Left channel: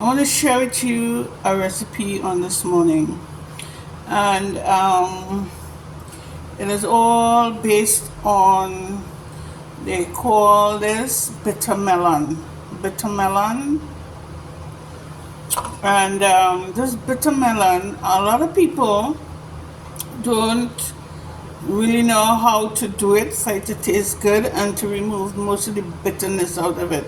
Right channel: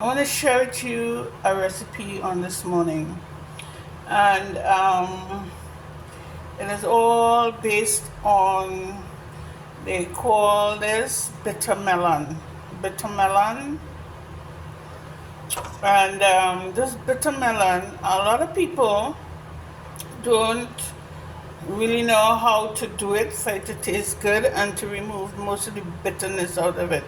I want to share with you a recipe on this morning, and it is all based on, they call this bitter melon. Bitter melon, and this bitter melon, a lot of people don't really know how to do it for it to taste good and to remove most of the bitterness out of it.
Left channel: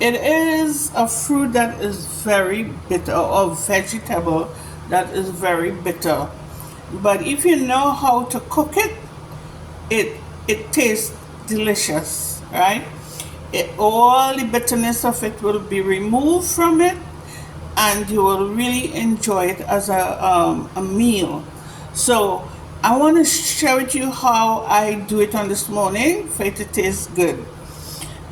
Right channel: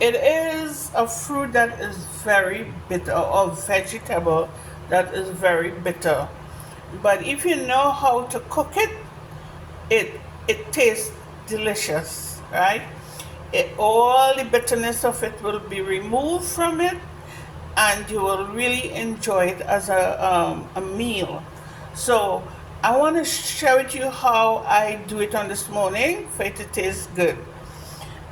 It is a fruit that is very bitter, or vegetable that is very bitter. But if you know how to cook it, it tastes delicious, right? All the bitterness of it will be removed from it, and you will really enjoy it as a meal. So I want to share with you how I do it on this morning for it to taste good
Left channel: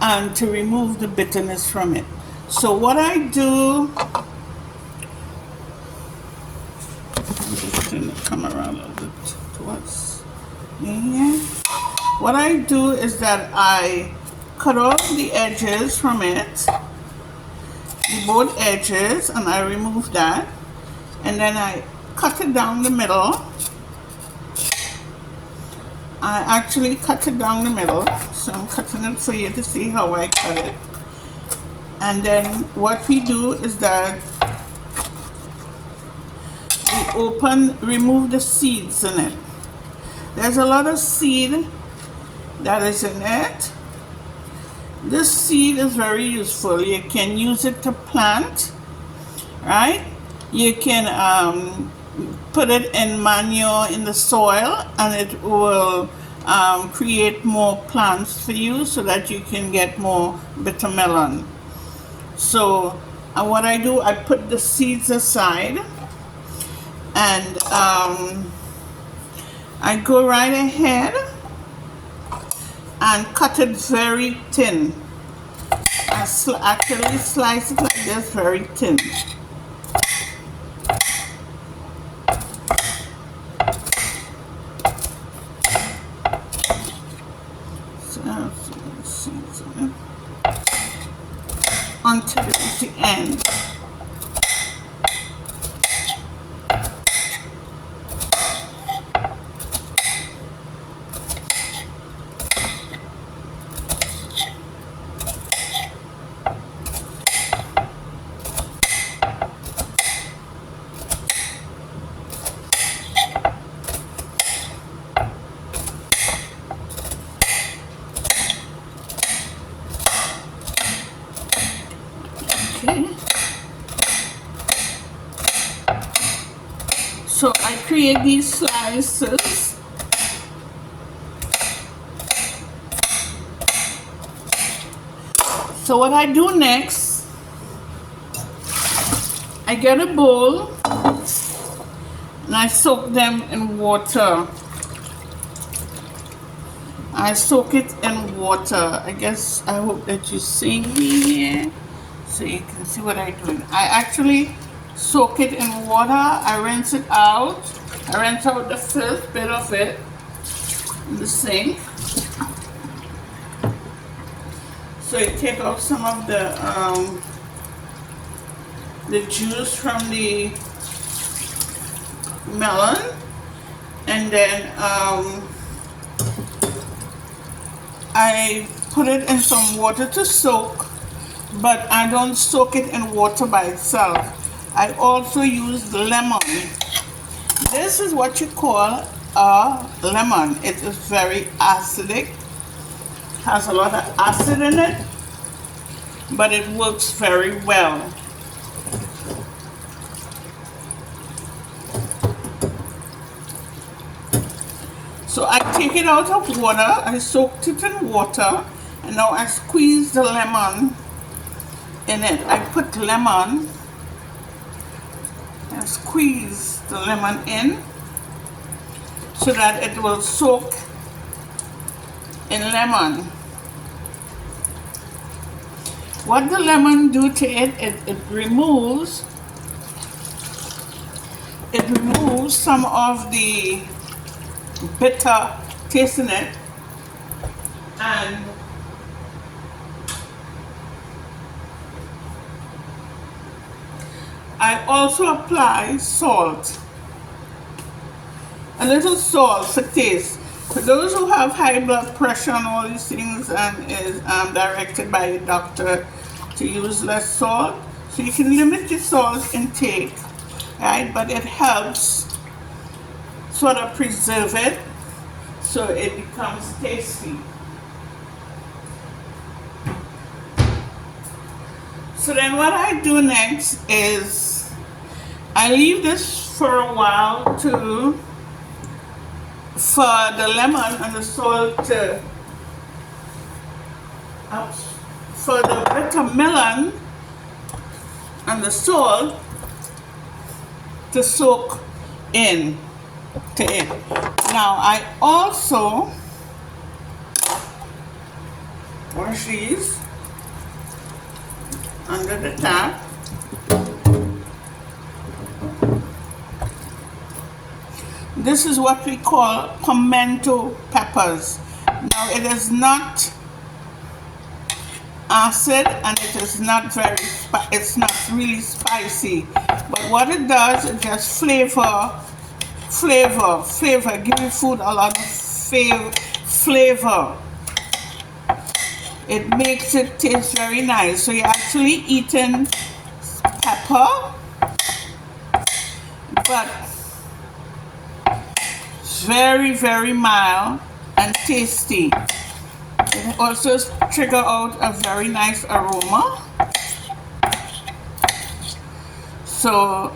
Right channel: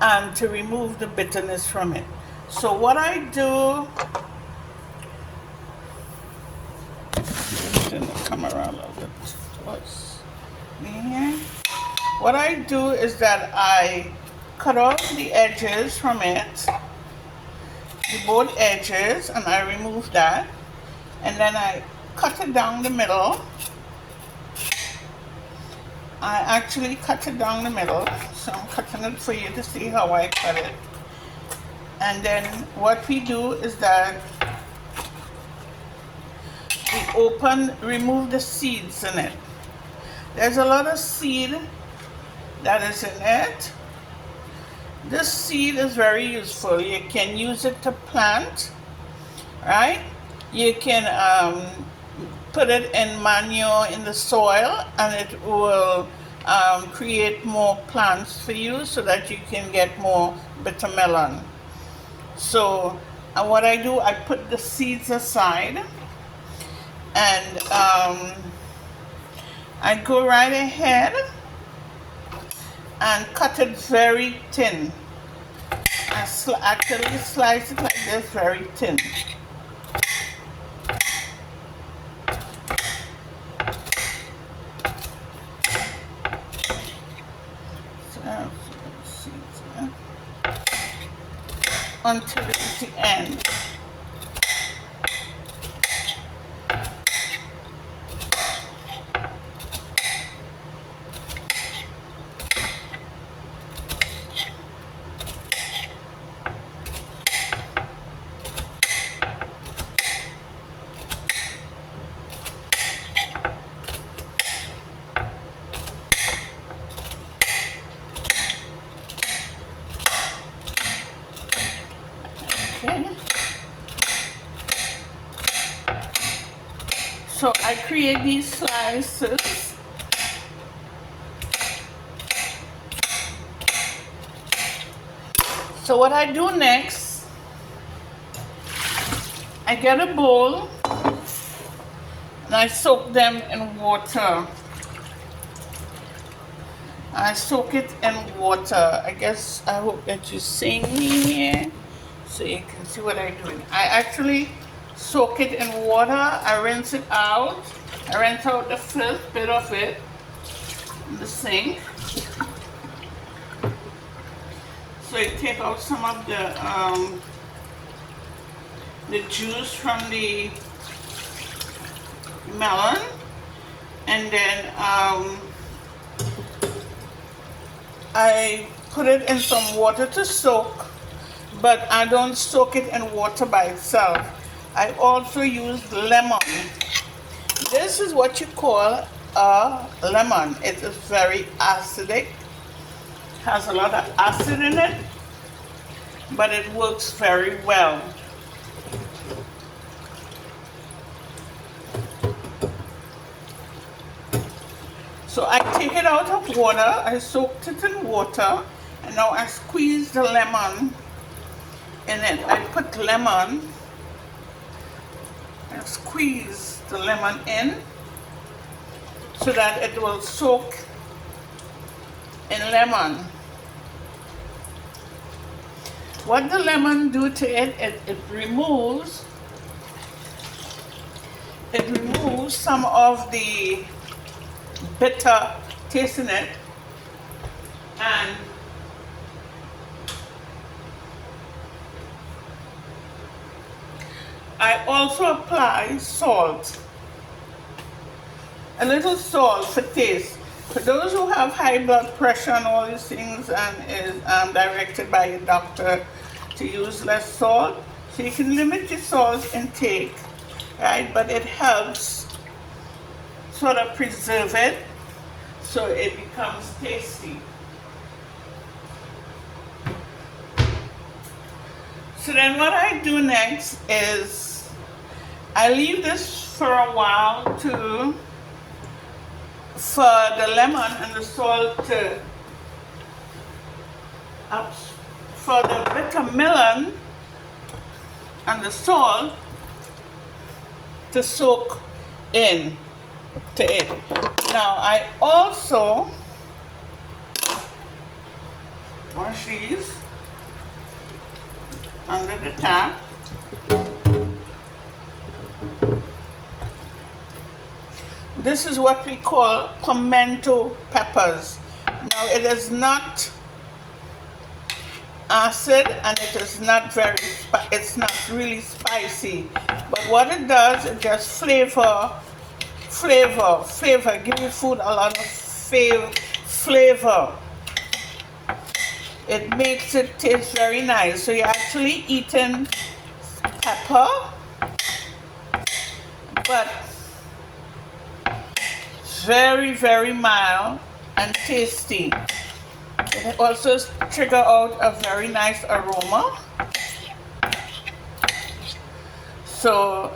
and to remove the bitterness from it. So what I do, come around a little bit towards me here. What I do is that I cut off the edges from it, both edges, and I remove that, and then I cut it down the middle. I actually cut it down the middle, so I'm cutting it for you to see how I cut it. And then what we do is that we remove the seeds in it. There's a lot of seed that is in it. This seed is very useful. You can use it to plant, right? You can put it in manure in the soil, and it will create more plants for you so that you can get more bitter melon. So what I do, I put the seeds aside, and I go right ahead and cut it very thin. I actually slice it like this, very thin. Until the end. Okay. So I create these slices. So what I do next, I get a bowl and I soak them in water. I soak it in water. I hope that you're seeing me here so you can see what I'm doing. I actually soak it in water. I rinse it out. I rinse out the first bit of it in the sink. So you take out some of the juice from the melon, and then I put it in some water to soak, but I don't soak it in water by itself. I also use lemon. This is what you call a lemon. It is very acidic, has a lot of acid in it, but it works very well. So I take it out of water, I soaked it in water, and now I squeeze the lemon in it. I put lemon and squeeze the lemon in so that it will soak in lemon. What the lemon do to it, it removes some of the bitter taste in it, and I also apply salt, a little salt for taste. For those who have high blood pressure and all these things and is directed by a doctor to use less salt, so you can limit your salt intake, right? But it helps sort of preserve it so it becomes tasty. So then what I do next is I leave this for a while for the lemon and the salt to for the bitter melon and the salt to soak in to it. Now I also wash these under the tap. This is what we call pimento peppers. Now it is not acid and it is not it's not really spicy, but what it does, it just flavor, give your food a lot of flavor. It makes it taste very nice. So you're actually eating pepper, but very, very mild and tasty. It also trigger out a very nice aroma. So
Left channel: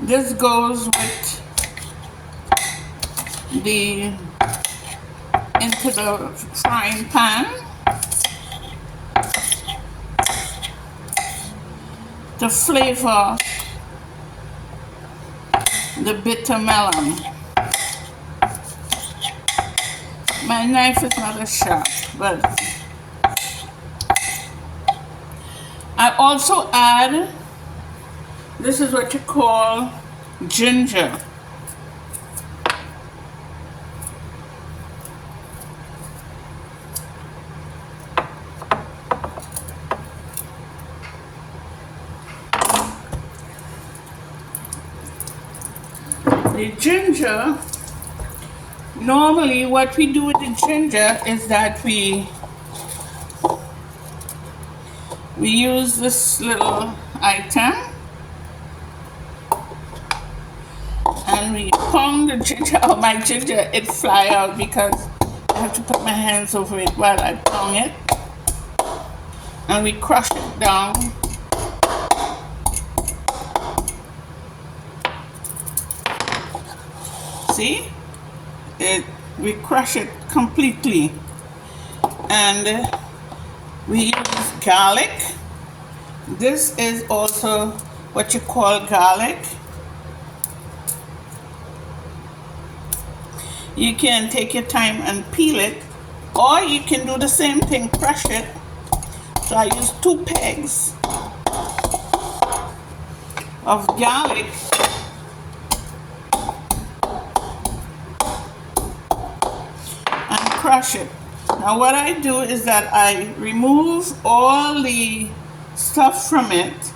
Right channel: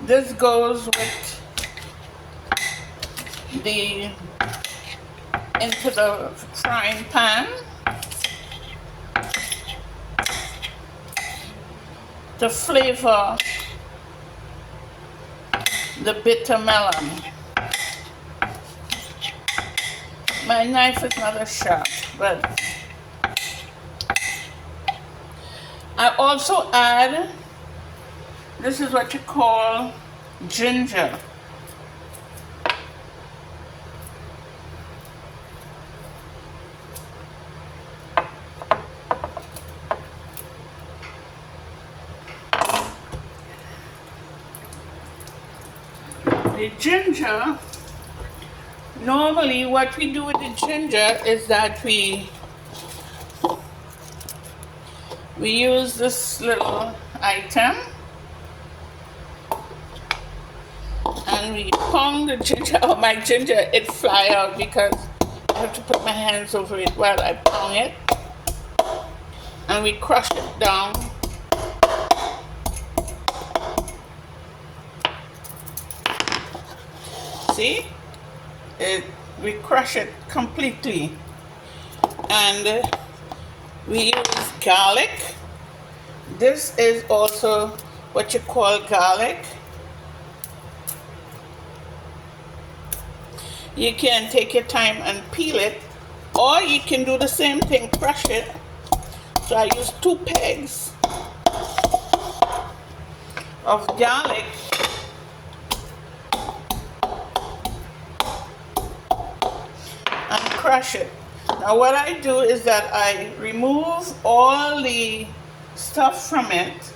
this goes with into the frying pan to flavor the bitter melon. My knife is not as sharp, but I also add, this is what you call ginger. The ginger, normally what we do with the ginger is that we use this little item and we pound the ginger. Oh, my ginger, it fly out because I have to put my hands over it while I pound it, and we crush it down. See, we crush it completely. And we use garlic. This is also what you call garlic. You can take your time and peel it, or you can do the same thing, crush it. So I use 2 pegs of garlic and crush it. Now what I do is that I remove all the stuff from it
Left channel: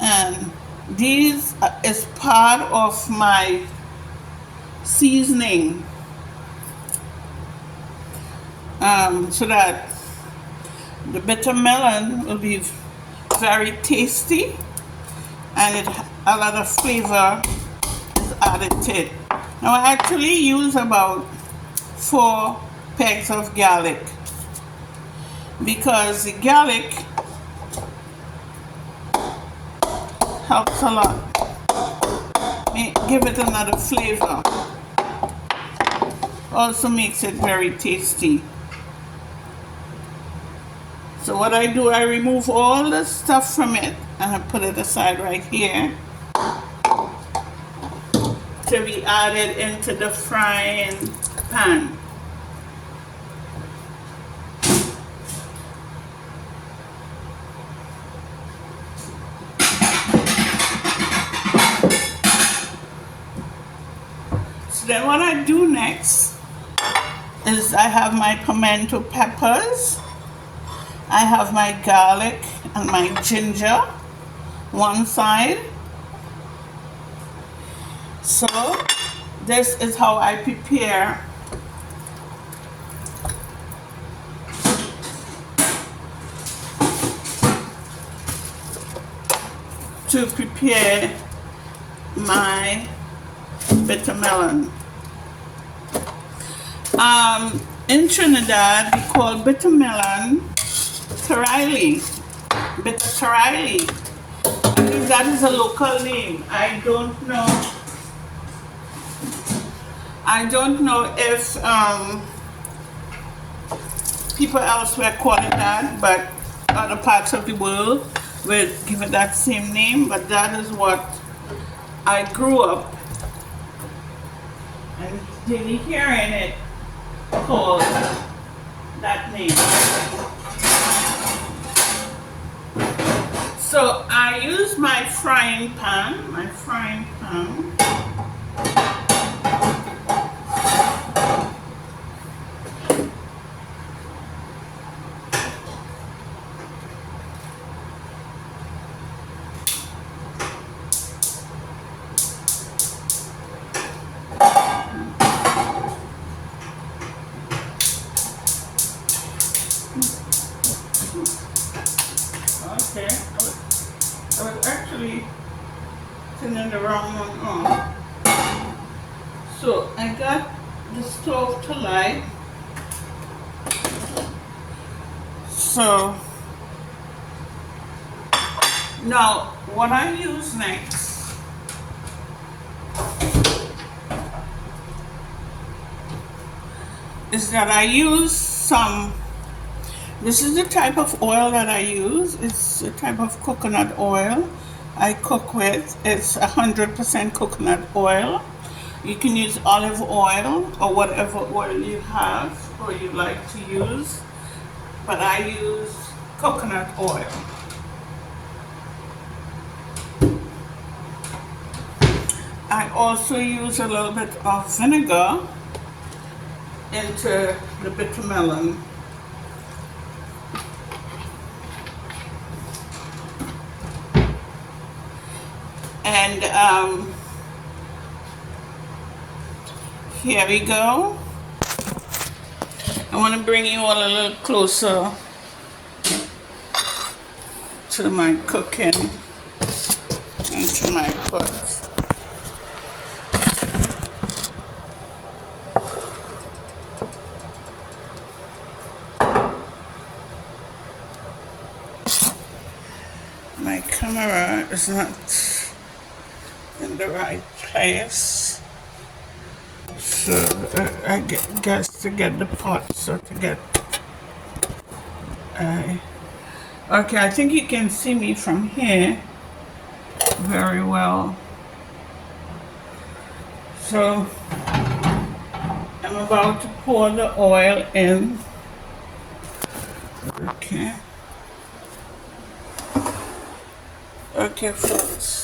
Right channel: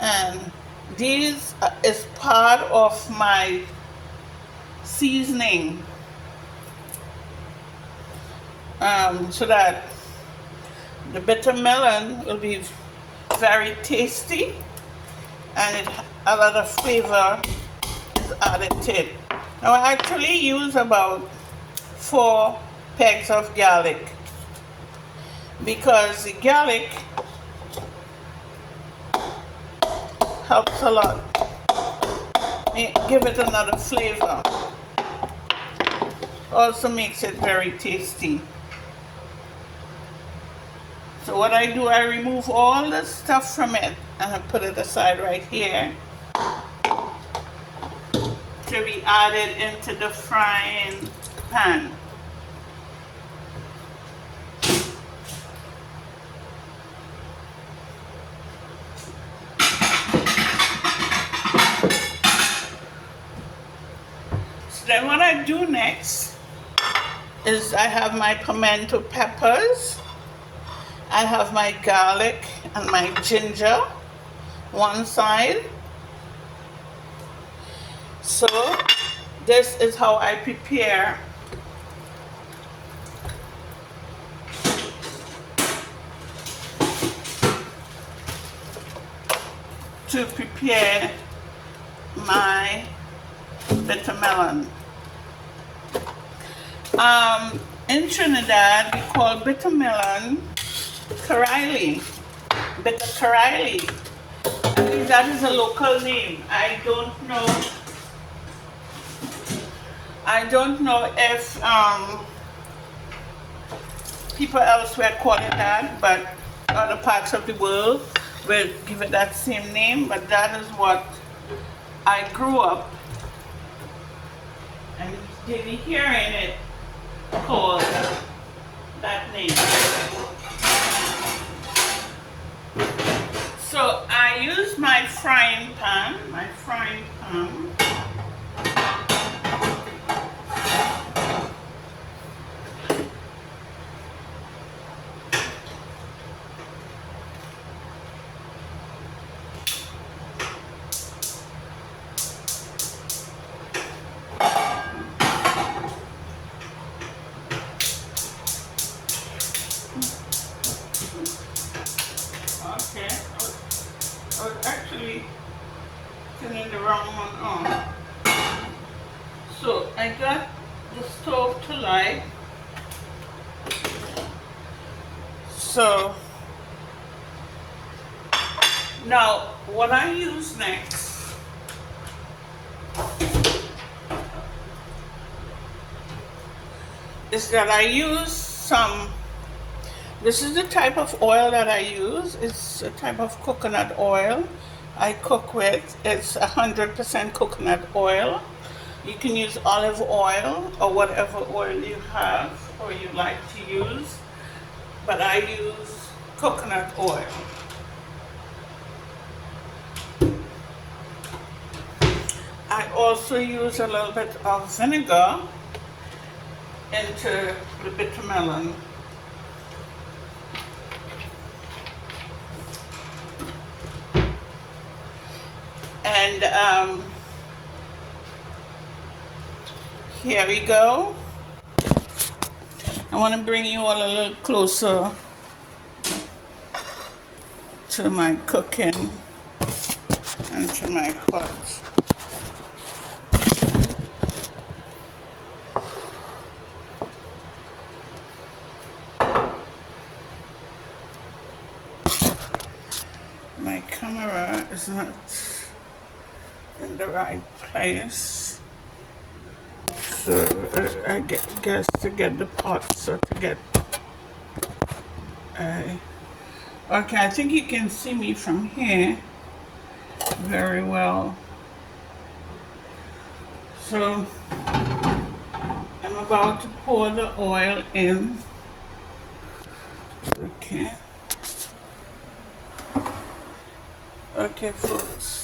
and these is part of my seasoning, so that the bitter melon will be very tasty and a lot of flavor is added to it. Now I actually use about 4 pegs of garlic because the garlic helps a lot, give it another flavor, also makes it very tasty. So what I do, I remove all the stuff from it and I put it aside right here to be added into the frying pan. So then what I do next is I have my pimento peppers, I have my garlic and my ginger one side. So this is how I prepare my bitter melon. In Trinidad, we call bitter melon Karaili, bitter Karaili. I think that is a local name. I don't know if people elsewhere call it that, but other parts of the world will give it that same name. But that is what I grew up and daily hearing it called that name. So I use my frying pan. Okay, I was actually turning the wrong one on. So I got the stove to light. So now what I use next is that I use some. This is the type of oil that I use. It's a type of coconut oil I cook with. It's 100% coconut oil. You can use olive oil or whatever oil you have or you like to use, but I use coconut oil. I also use a little bit of vinegar into the bitter melon. And here we go. I want to bring you all a little closer to my cooking and to my pot. My camera is not in the right place, so I guess to get the pot, so to get okay, I think you can see me from here very well. So I'm about to pour the oil in. Okay, folks.